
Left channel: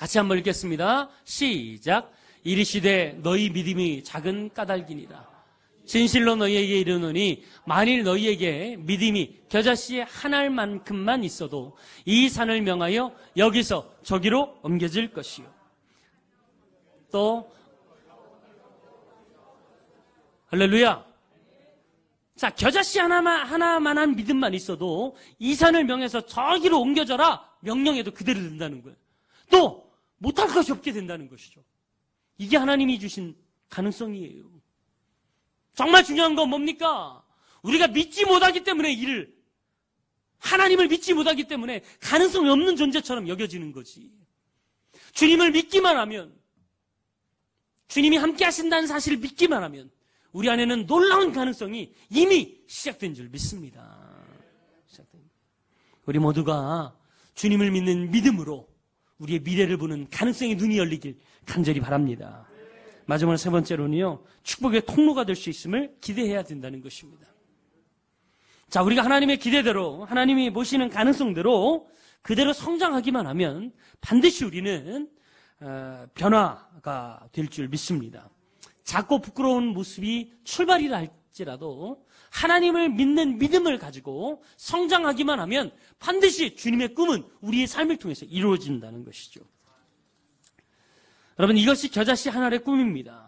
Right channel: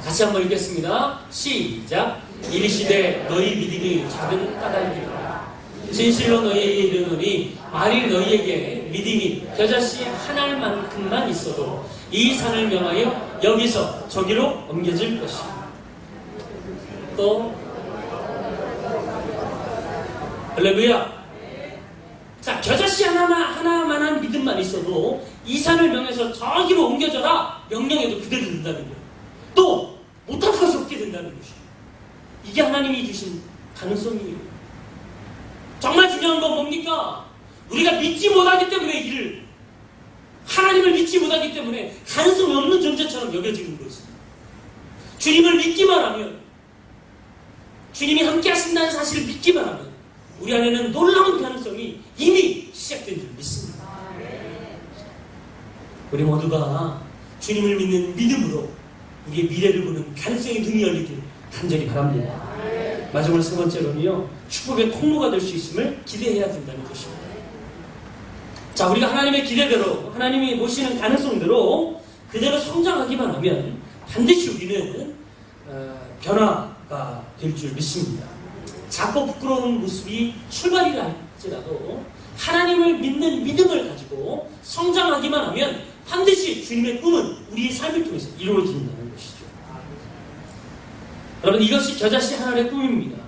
같이 한번 읽겠습니다. 시작. 이르시되 너희 믿음이 작은 까닭이라 진실로 너희에게 이르노니 만일 너희에게 믿음이 겨자씨 한 알만큼만 있어도 이 산을 명하여 여기서 저기로 옮겨질 것이다. 또 할렐루야. 자, 겨자씨 하나만한 믿음만 있어도 이 산을 명해서 저기로 옮겨져라 명령해도 그대로 된다는 거예요. 또 못할 것이 없게 된다는 것이에요. 이게 하나님이 주신 가능성이에요. 정말 중요한 건 뭡니까? 우리가 믿지 못하기 때문에 이를 하나님을 믿지 못하기 때문에 가능성 없는 존재처럼 여겨지는 것입니다. 주님을 믿기만 하면 주님이 함께 하신다는 사실을 믿기만 하면 우리 안에는 놀라운 가능성이 이미 시작된 줄 믿습니다. 우리 모두가 주님을 믿는 믿음으로 우리의 미래를 보는 가능성의 눈이 열리길 간절히 바랍니다. 마지막 세 번째로는요, 축복의 통로가 될 수 있음을 기대해야 된다는 것입니다. 자, 우리가 하나님의 기대대로, 하나님이 보시는 가능성대로 그대로 성장하기만 하면 반드시 우리는 변화가 될 줄 믿습니다. 작고 부끄러운 모습이 출발이 할지라도 하나님을 믿는 믿음을 가지고 성장하기만 하면 반드시 주님의 꿈은 우리의 삶을 통해서 이루어진다는 것이죠. 여러분, 이것이 겨자씨 하나의 꿈입니다.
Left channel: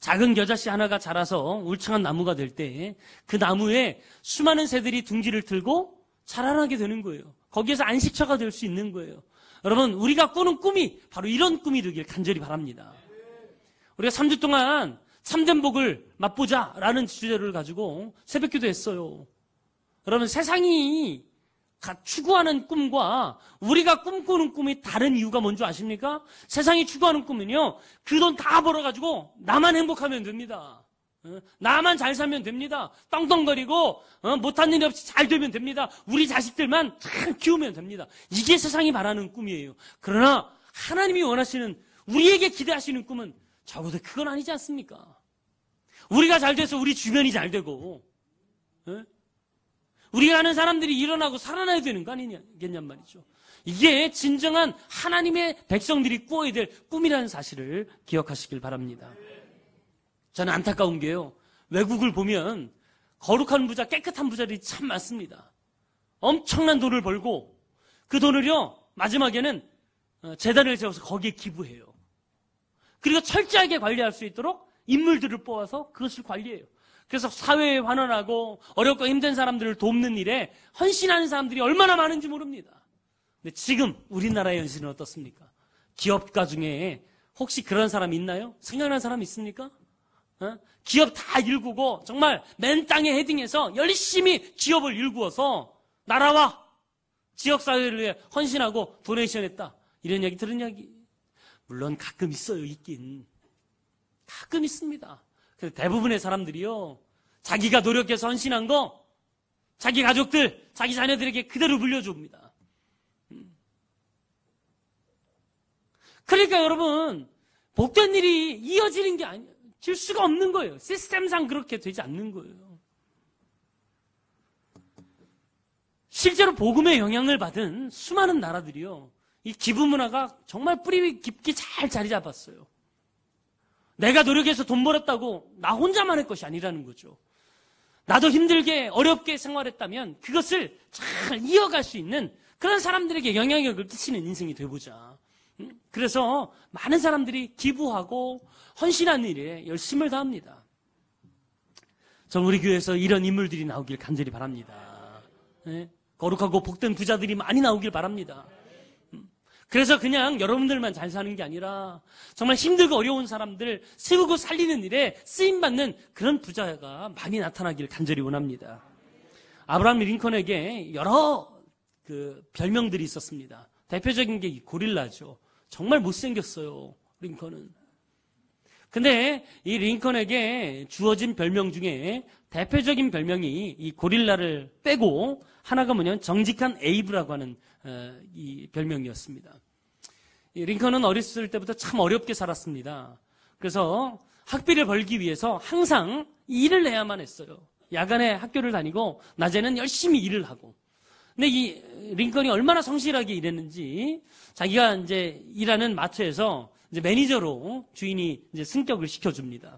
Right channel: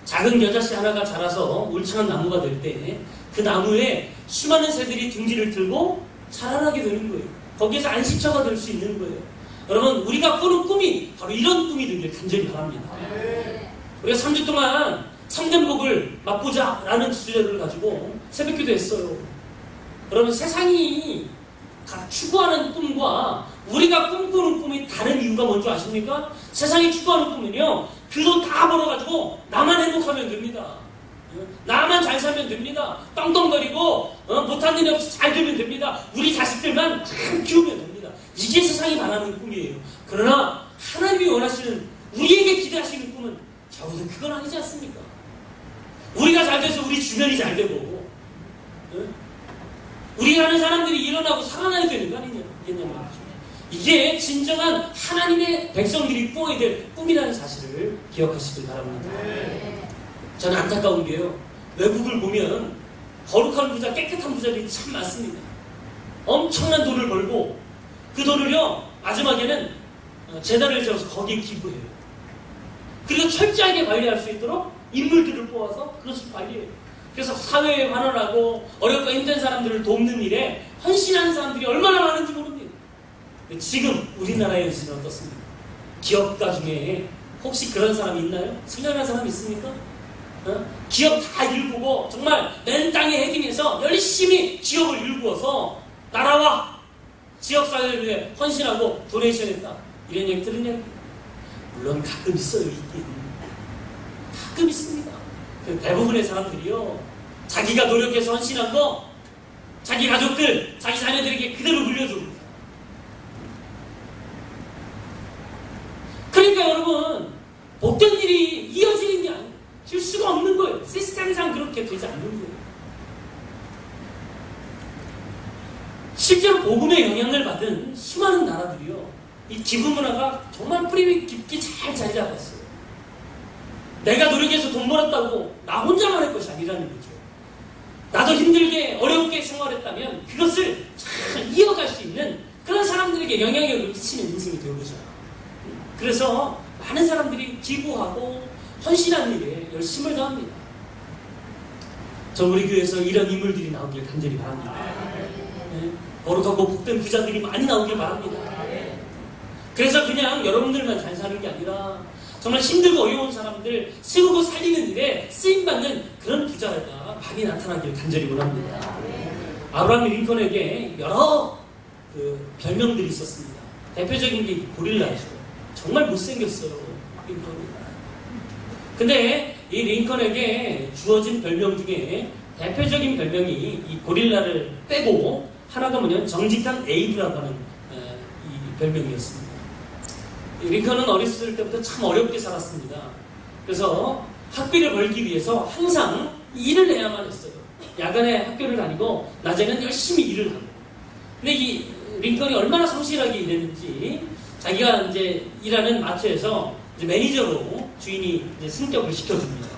작은 겨자씨 하나가 자라서 울창한 나무가 될 때 그 나무에 수많은 새들이 둥지를 들고 자라나게 되는 거예요. 거기에서 안식처가 될 수 있는 거예요. 여러분, 우리가 꾸는 꿈이 바로 이런 꿈이 되길 간절히 바랍니다. 우리가 3주 동안 삼전복을 맛보자라는 주제를 가지고 새벽기도 했어요. 여러분, 세상이 추구하는 꿈과 우리가 꿈꾸는 꿈이 다른 이유가 뭔지 아십니까? 세상이 추구하는 꿈은요, 그 돈 다 벌어가지고 나만 행복하면 됩니다. 나만 잘 살면 됩니다. 떵떵거리고 못한 일 없이 잘 되면 됩니다. 우리 자식들만 잘 키우면 됩니다. 이게 세상이 말하는 꿈이에요. 그러나 하나님이 원하시는, 우리에게 기대하시는 꿈은 적어도 그건 아니지 않습니까? 우리가 잘 돼서 우리 주변이 잘 되고 우리 아는 사람들이 일어나고 살아나야 되는 거 아니겠냐고. 이게 진정한 하나님의 백성들이 꾸어야 될 꿈이라는 사실을 기억하시길 바랍니다. 저는 안타까운 게요, 외국을 보면 거룩한 부자, 깨끗한 부자들이 참 많습니다. 엄청난 돈을 벌고 그 돈을요 마지막에는 재단을 지어서 거기에 기부해요. 그리고 철저하게 관리할 수 있도록 인물들을 뽑아서 그것을 관리해요. 그래서 사회에 환원하고 어렵고 힘든 사람들을 돕는 일에 헌신하는 사람들이 얼마나 많은지 모릅니다. 근데 지금 우리나라에서는 어떻습니까? 기업가 중에 혹시 그런 사람이 있나요? 승연한 사람이 있습니까? 기업 다 일구고 정말 맨 땅에 헤딩해서 열심히 기업을 일구어서 나라와 지역사회를 위해 헌신하고 도네이션했다, 이런 얘기 들으냐? 물론 가끔 있어요. 가끔 있습니다. 대부분의 사람들이요, 자기가 노력해서 헌신한 거 자기 가족들, 자기 자녀들에게 그대로 물려줍니다. 그러니까 여러분, 복된 일이 이어지는 게 아니에요. 될 수가 없는 거예요. 시스템상 그렇게 되지 않는 거예요. 실제로 복음의 영향을 받은 수많은 나라들이요, 이 기부 문화가 정말 뿌리 깊게 잘 자리 잡았어요. 내가 노력해서 돈 벌었다고 나 혼자만 할 것이 아니라는 거죠. 나도 힘들게 어렵게 생활했다면 그것을 잘 이어갈 수 있는 그런 사람들에게 영향력을 끼치는 인생이 되어오죠. 그래서 많은 사람들이 기부하고 헌신하는 일에 열심을 다합니다. 저 우리 교회에서 이런 인물들이 나오길 간절히 바랍니다. 거룩하고 복된 부자들이 많이 나오길 바랍니다. 그래서 그냥 여러분들만 잘 사는 게 아니라 정말 힘들고 어려운 사람들 세우고 살리는 데 쓰임받는 그런 부자가 많이 나타나기를 간절히 원합니다. 아브라함 링컨에게 여러 별명들이 있었습니다. 대표적인 게 고릴라이죠. 정말 못생겼어요, 링컨은. 근데 이 링컨에게 주어진 별명 중에 대표적인 별명이 이 고릴라를 빼고 하나가 뭐냐면 정직한 에이브라고 하는 이 별명이었습니다. 링컨은 어렸을 때부터 참 어렵게 살았습니다. 그래서 학비를 벌기 위해서 항상 일을 해야만 했어요. 야간에 학교를 다니고 낮에는 열심히 일을 하고. 근데 이 링컨이 얼마나 성실하게 일했는지 자기가 이제 일하는 마트에서 이제 매니저로 주인이 이제 승격을 시켜줍니다.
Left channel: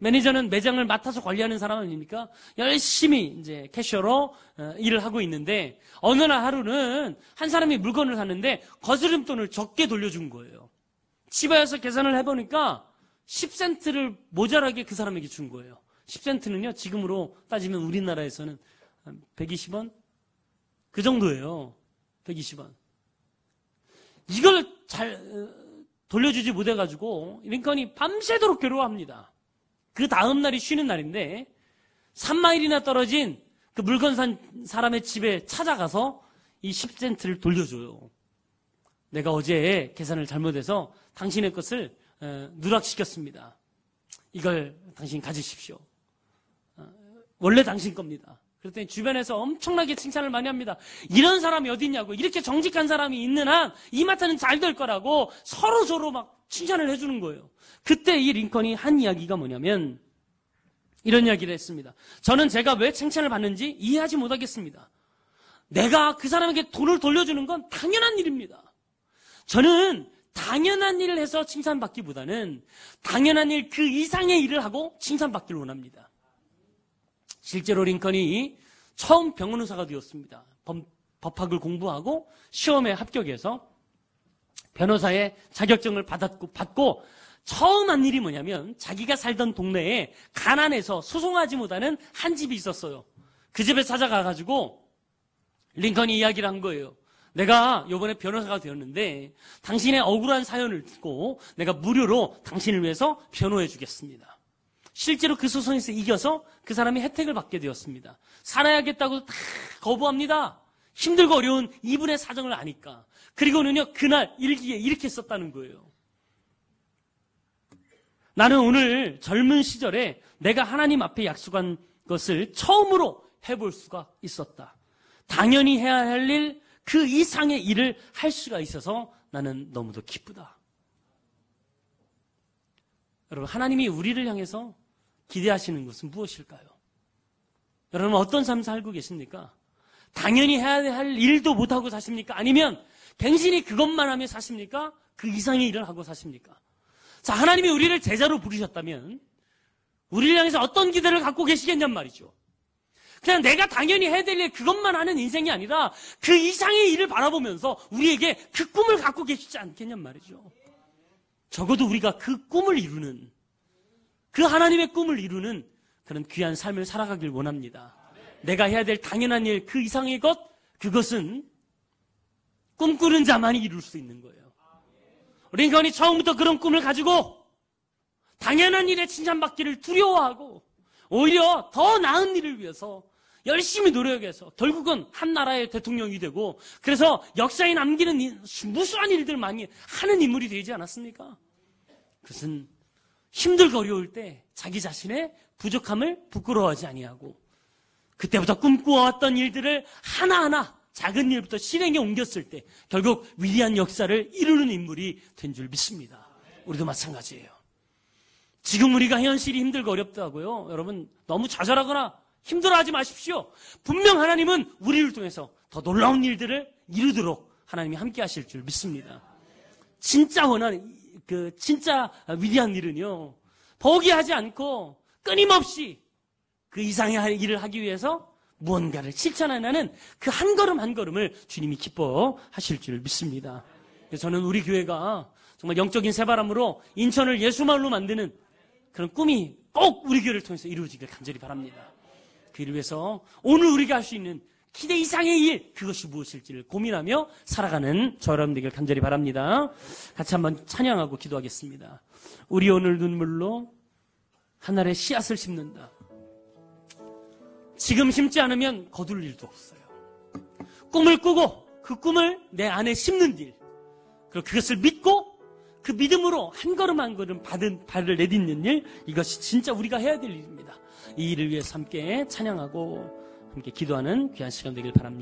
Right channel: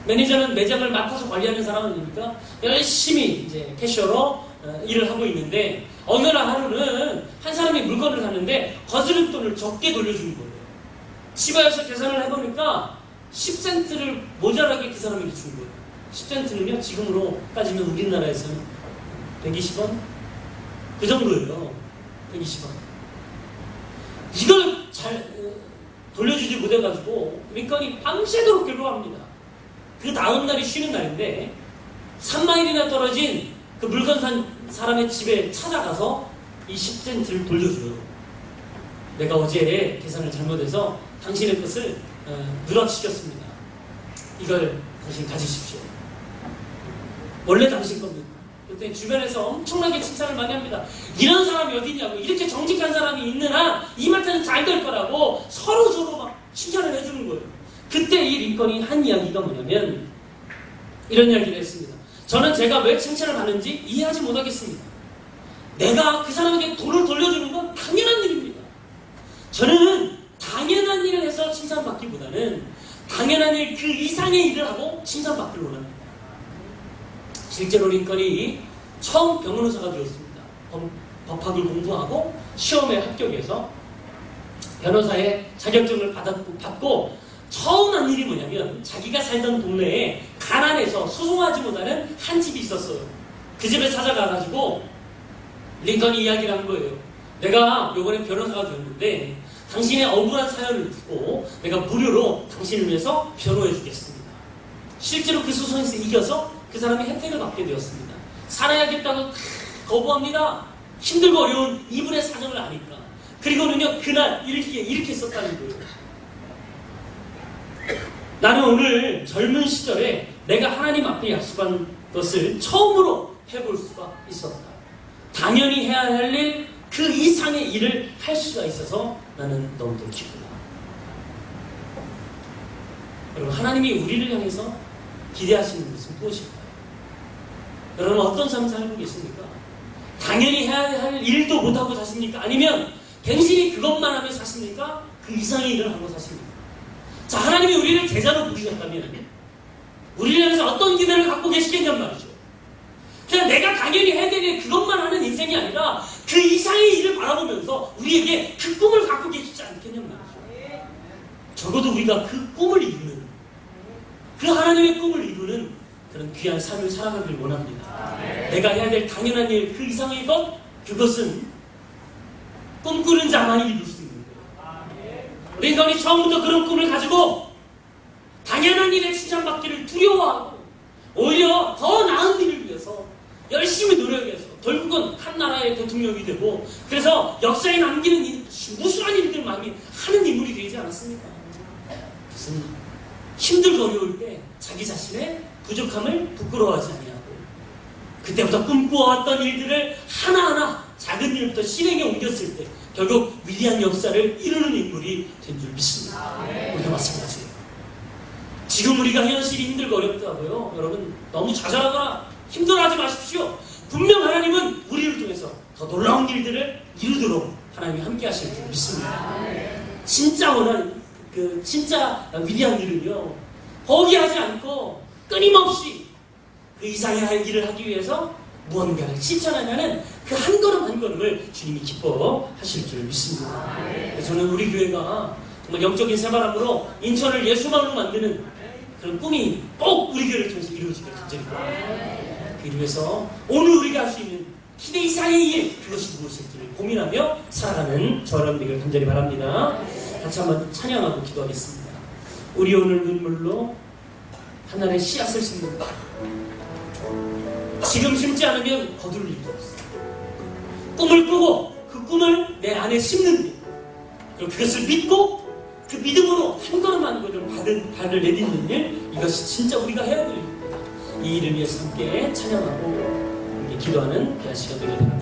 매니저는 매장을 맡아서 관리하는 사람이니까 열심히 이제 캐셔로 일을 하고 있는데 어느 날 하루는 한 사람이 물건을 샀는데 거스름돈을 적게 돌려준 거예요. 집에 와서 계산을 해보니까 10센트를 모자라게 그 사람에게 준 거예요. 10센트는요, 지금으로 따지면 우리나라에서는 120원? 그 정도예요. 120원. 이걸 잘 돌려주지 못해가지고 링컨이 밤새도록 괴로워합니다. 그 다음날이 쉬는 날인데 3마일이나 떨어진 그 물건 산 사람의 집에 찾아가서 이 10센트를 돌려줘요. 내가 어제 계산을 잘못해서 당신의 것을 누락시켰습니다. 이걸 당신 가지십시오. 원래 당신 겁니다. 그때 주변에서 엄청나게 칭찬을 많이 합니다. 이런 사람이 어디 있냐고, 이렇게 정직한 사람이 있는 한 이마트는 잘 될 거라고 서로 막 칭찬을 해주는 거예요. 그때 이 링컨이 한 이야기가 뭐냐면 이런 이야기를 했습니다. 저는 제가 왜 칭찬을 받는지 이해하지 못하겠습니다. 내가 그 사람에게 돈을 돌려주는 건 당연한 일입니다. 저는 당연한 일을 해서 칭찬받기보다는 당연한 일 그 이상의 일을 하고 칭찬받기를 원합니다. 실제로 링컨이 처음 변호사가 되었습니다. 법학을 공부하고 시험에 합격해서 변호사의 자격증을 받고 처음 한 일이 뭐냐면 자기가 살던 동네에 가난해서 수긍하지 못하는 한 집이 있었어요. 그 집을 찾아가가지고 링컨이 이야기를 한 거예요. 내가 요번에 변호사가 되었는데 당신의 억울한 사연을 듣고 내가 무료로 당신을 위해서 변호해 주겠습니다. 실제로 그 소송에서 이겨서 그 사람이 혜택을 받게 되었습니다. 살아야겠다고 거부합니다. 힘들고 어려운 이분의 사정을 아니까. 그리고는요, 그날 이렇게 썼다는 거예요. 나는 오늘 젊은 시절에 내가 하나님 앞에 약속한 것을 처음으로 해볼 수가 있었다. 당연히 해야 할 일, 그 이상의 일을 할 수가 있어서 나는 너무도 기쁘다. 여러분, 하나님이 우리를 향해서 기대하시는 것은 무엇일까요? 여러분, 어떤 삶을 살고 계십니까? 당연히 해야 할 일도 못하고 사십니까? 아니면 당신이 그것만 하며 사십니까? 그 이상의 일을 하고 사십니까? 자, 하나님이 우리를 제자로 부르셨다면 우리를 향해서 어떤 기대를 갖고 계시겠냔 말이죠. 그냥 내가 당연히 해야 되는 그것만 하는 인생이 아니라 그 이상의 일을 바라보면서 우리에게 그 꿈을 갖고 계시지 않겠냔 말이죠. 적어도 우리가 그 꿈을 이루는, 그 하나님의 꿈을 이루는 그런 귀한 삶을 살아가길 원합니다. 내가 해야 될 당연한 일, 그 이상의 것, 그것은 꿈꾸는 자만이 이룰 수 있는 거예요. 링컨이 처음부터 그런 꿈을 가지고 당연한 일에 칭찬받기를 두려워하고 오히려 더 나은 일을 위해서 열심히 노력해서 결국은 한 나라의 대통령이 되고, 그래서 역사에 남기는 무수한 일들을 많이 하는 인물이 되지 않았습니까? 그것은 힘들고 어려울 때 자기 자신의 부족함을 부끄러워하지 아니하고 그때부터 꿈꾸어왔던 일들을 하나하나 작은 일부터 실행에 옮겼을 때 결국 위대한 역사를 이루는 인물이 된 줄 믿습니다. 그렇게 말씀하세요. 지금 우리가 현실이 힘들고 어렵다고요. 여러분, 너무 자잘하거나 힘들어하지 마십시오. 분명 하나님은 우리를 통해서 더 놀라운 일들을 이루도록 하나님이 함께 하시는 줄 믿습니다. 진짜 원하는 진짜 위대한 일은요, 포기하지 않고 끊임없이 그 이상의 하나의 일을 하기 위해서 무언가를 실천하는 그 한 걸음 한 걸음을 주님이 기뻐하실 줄 믿습니다. 저는 우리 교회가 정말 영적인 새바람으로 인천을 예수만으로 만드는 그런 꿈이 꼭 우리 교회를 통해서 이루어지길 간절합니다. 그래서 오늘 우리가 할 수 있는 기대 이상의 일, 그것이 무엇인지를 고민하며 살아가는 저라고 되길 간절히 바랍니다. 같이 한번 찬양하고 기도하겠습니다. 우리 오늘 눈물로 하나님의 씨앗을 심는다. 지금 심지 않으면 거둘 일도 없어. 꿈을 꾸고 그 꿈을 내 안에 심는 일, 그리고 그것을 믿고 그 믿음으로 한 걸음 한 걸음 발을 내딛는 일, 이것이 진짜 우리가 해야 될 일입니다. 이 일을 위해서 함께 찬양하고 기도하는 시간이 되겠습니다.